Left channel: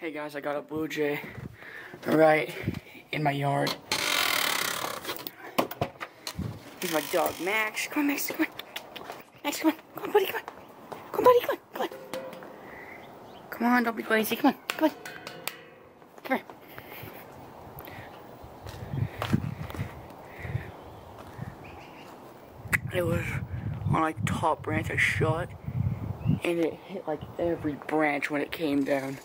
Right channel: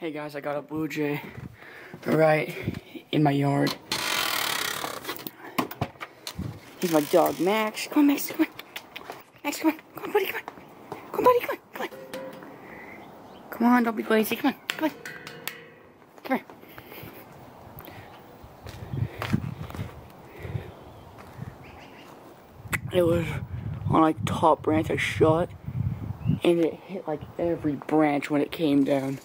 Hey guys, I got a blue jay right in my yard. He's my dog, Max. Come on, Max, come on. Max, come on. Come on, buddy, come on. Come on, buddy, come on, come on. Come on, don't be lazy. Come on, come on. Come here. It was on like the top branch I shot, and it hit like every branch when it came down.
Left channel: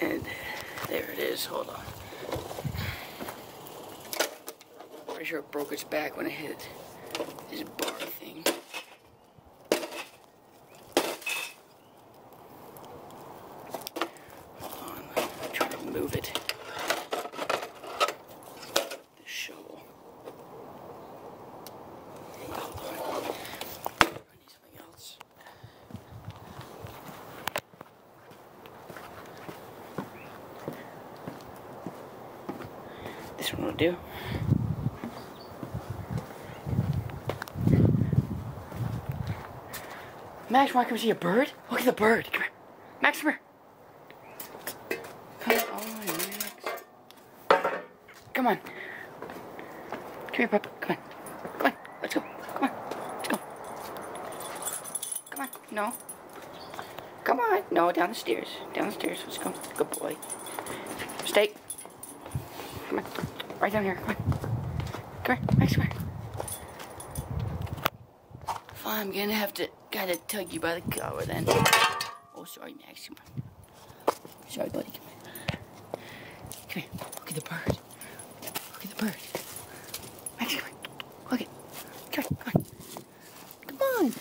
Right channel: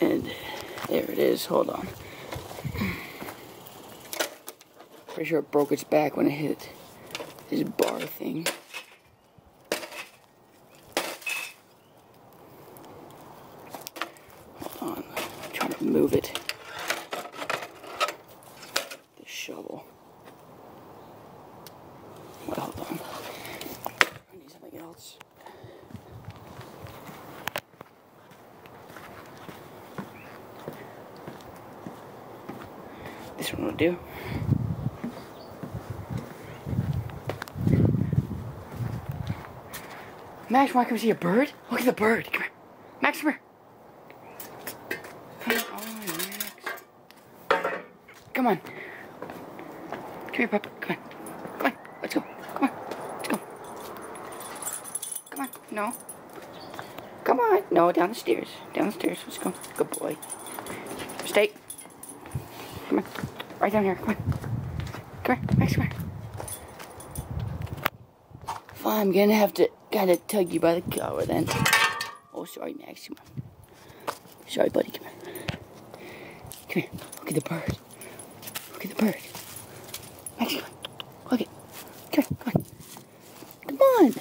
And there it is, hold on. Pretty sure it broke its back when it hit this bar thing. Hold on, I'm trying to move it. The shovel. Hold on. I need something else. This one will do. Max, wanna come see a bird? Look at the bird. Come here. Max, come here. Come on, Max. Come on. Come here, pup. Come on. Come on. Let's go. Come on. Let's go. Come on. No. Come on. No, down the stairs. Down the stairs. Let's go. Good boy. Stay. Come on. Right down here. Come on. Come here. Max, come here. Well, I'm gonna have to gotta tug you by the collar then. Oh, sorry, Max. Come on. Sorry, buddy. Come here. Come here. Look at the bird. Look at the bird. Max, come on. Look at it. Come on. Come on.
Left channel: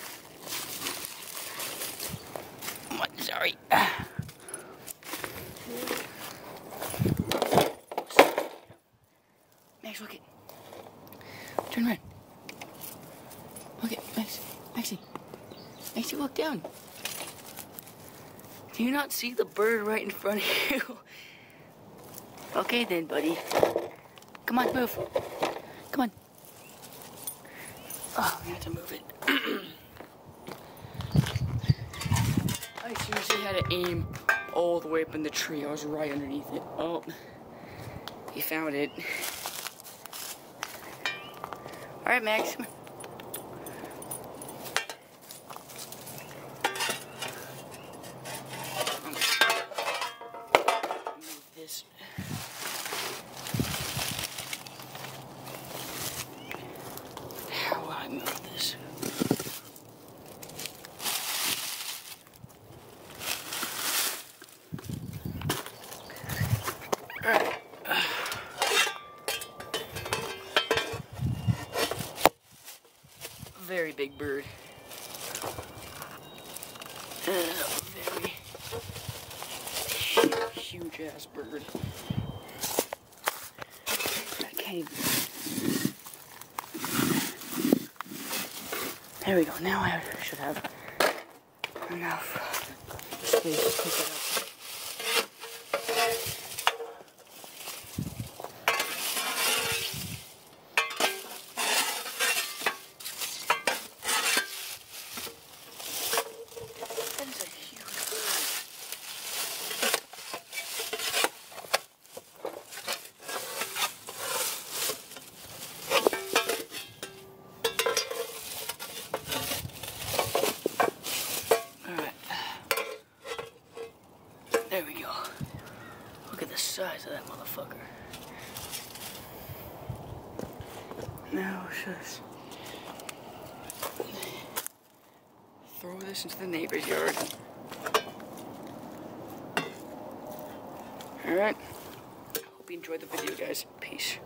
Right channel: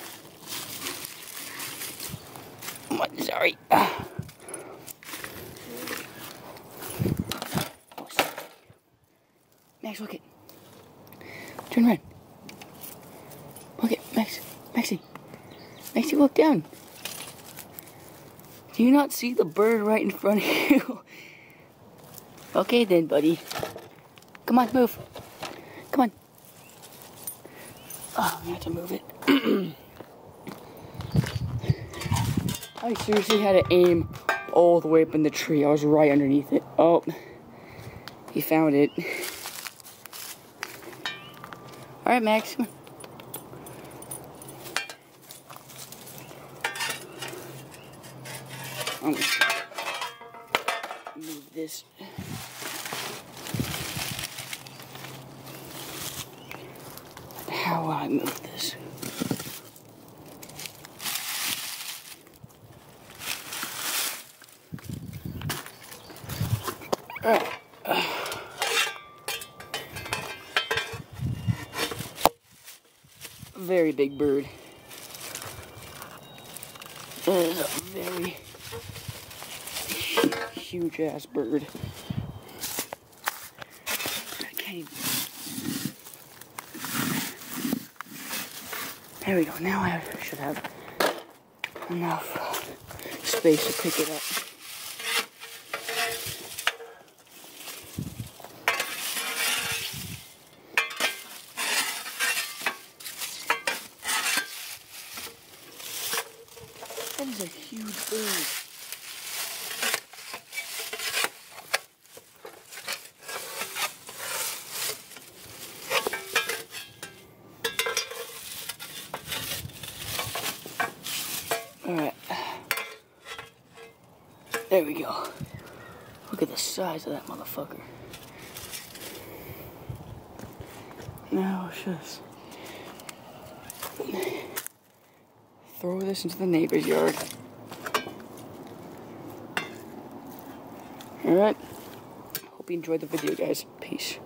Come on. Sorry. Max, look it. Turn around. Look it, Max. Maxie. Maxie, look down. Do you not see the bird right in front of you? Okay then, buddy. Come on, move. Come on. Oh, I'm gonna have to move it. I seriously had to aim all the way up in the tree. I was right underneath it. Oh, he found it. Alright, Max. Come on. I'm gonna move this. How will I move this? Alright. Very big bird. That is a very huge ass bird. Okay. There we go. Now I should have enough space to pick it up. That is a huge bird. Alright. There we go. Look at the size of that motherfucker. Now, just throw this into the neighbor's yard. Alright. Hope you enjoyed the video, guys. Peace.